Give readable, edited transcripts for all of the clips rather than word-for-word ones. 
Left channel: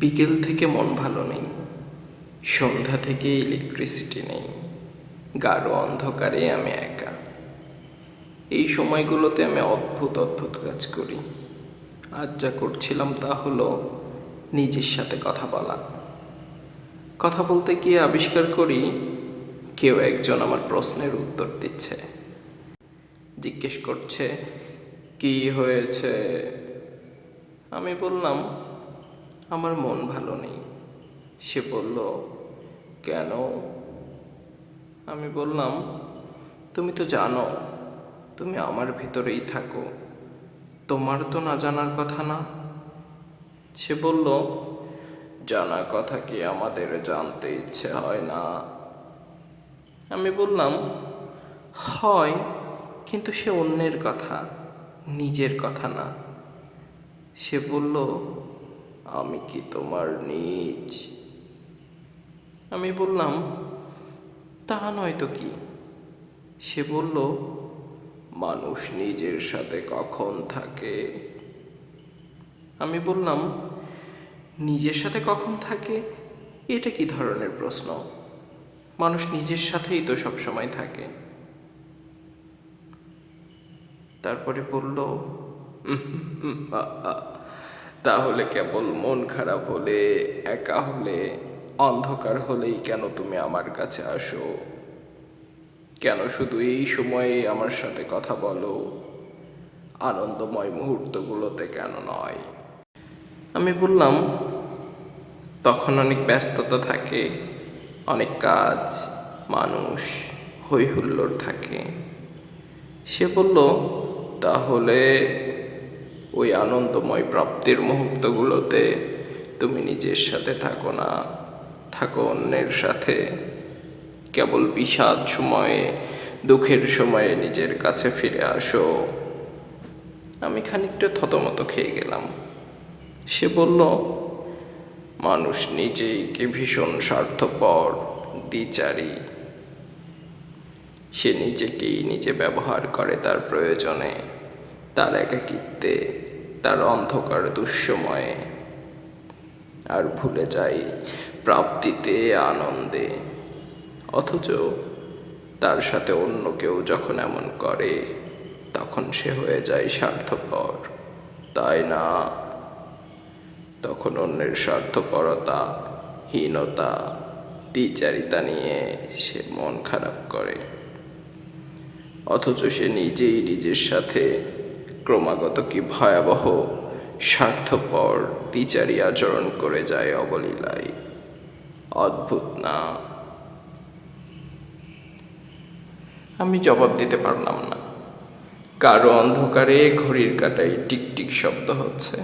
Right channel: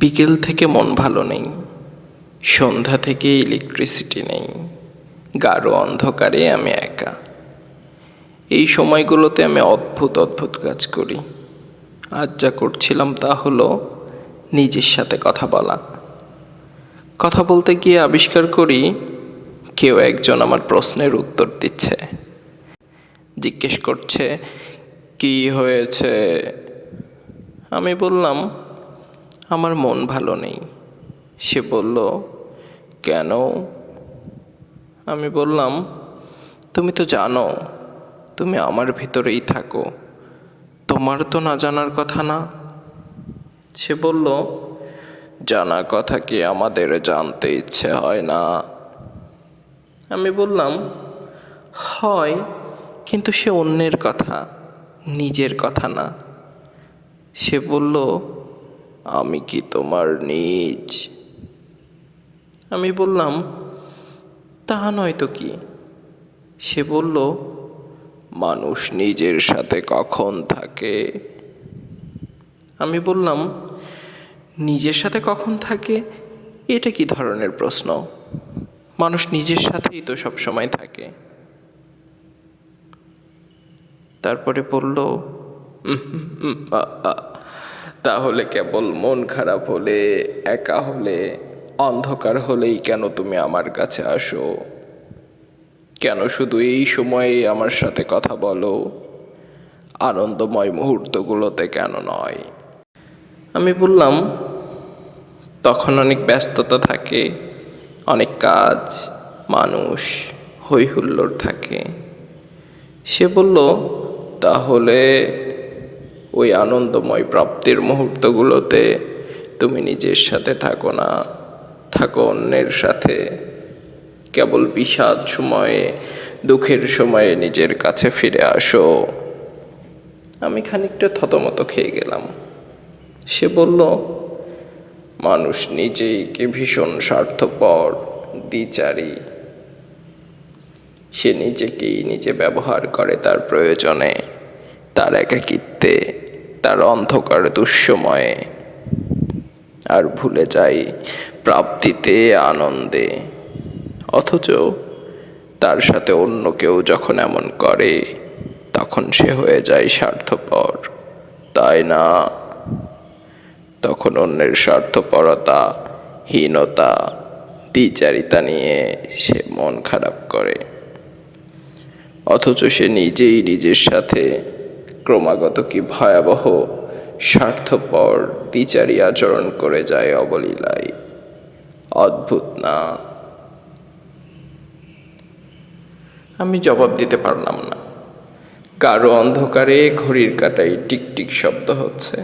বিকেল থেকে মন ভালো নেই, সন্ধ্যা থেকে ইলেকট্রিসিটি নেই, গাঢ় অন্ধকারে আমি একা। এই সময়গুলোতে আমি অদ্ভুত অদ্ভুত কাজ করি। আজ যা করছিলাম তা হলো নিজের সাথে কথা বলা। কথা বলতে গিয়ে আবিষ্কার করি কেউ একজন আমার প্রশ্নের উত্তর দিচ্ছে, জিজ্ঞেস করছে কি হয়েছে। আমি বললাম আমার মন ভালো নেই। সে বলল কেন? আমি বললাম তুমি তো জানো তুমি আমার ভিতরেই থাকো, তোমার তো না জানার কথা না। সে বলল জানা কথা কি আমাদের জানতে ইচ্ছে হয় না? আমি বললাম হয়, কিন্তু সে অন্যের কথা, নিজের কথা না। সে বলল আমি কি তোমার নিজ? আমি বললাম তা নয় তো কি। সে বলল মানুষ নিজের সাথে কখন থাকে? আমি বললাম নিজের সাথে কখন থাকে এটা কি ধরনের প্রশ্ন? মানুষ নিজের সাথেই তো সব সময় থাকে। তারপরে বলল আ, আ, তাহলে কেবল মন খারাপ হলে, একা হলে, অন্ধকার হলেই কেন তুমি আমার কাছে আসো? কেন শুধু এই সময়ে আমার সাথে কথা বলো, আনন্দময় মুহূর্তগুলোতে কেন নয়? আমি বললাম তখন অনেক ব্যস্ততা থাকে, অনেক কাজ, মানুষ, হই হুল্লোড় থাকে। সে বলল তাহলে ওই আনন্দময় প্রাপ্তির মুহূর্তগুলোতে তুমি নিজের সাথে থাকো না, থাকো অন্যের সাথে। কেবল বিষাদ সময়ে, দুঃখের সময়ে নিজের কাছে ফিরে আসো। আমি খানিকটা থতমত খেয়ে গেলাম। সে বলল মানুষ নিজেকে ভীষণ স্বার্থপর, দ্বিচারী। সে নিজেকেই নিজে ব্যবহার করে তার প্রয়োজনে, তার একাকিত্বে, তার অন্ধকার দুঃসময়ে, আর ভুলে যায় প্রাপ্তিতে, আনন্দে। অথচ তার সাথে অন্য কেউ যখন এমন করে তখন সে হয়ে যায় স্বার্থপর, তাই না? তখন অন্যের স্বার্থপরতা, হীনতা, দ্বিচারিতা নিয়ে সে মন খারাপ করে। অথচ সে নিজেই নিজের সাথে ক্রমাগত কি ভয়াবহ স্বার্থপর দ্বিচারী আচরণ করে যায় অবলীলায়। অদ্ভুত না? আমি জবাব দিতে পারলাম না। গাঢ় অন্ধকারে ঘড়ির কাঁটায় টিকটিক শব্দ হচ্ছে,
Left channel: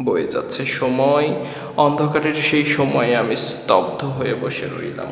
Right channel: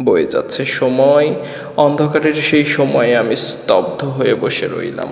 বয়ে যাচ্ছে সময়। অন্ধকারের সেই সময়ে আমি স্তব্ধ হয়ে বসে রইলাম।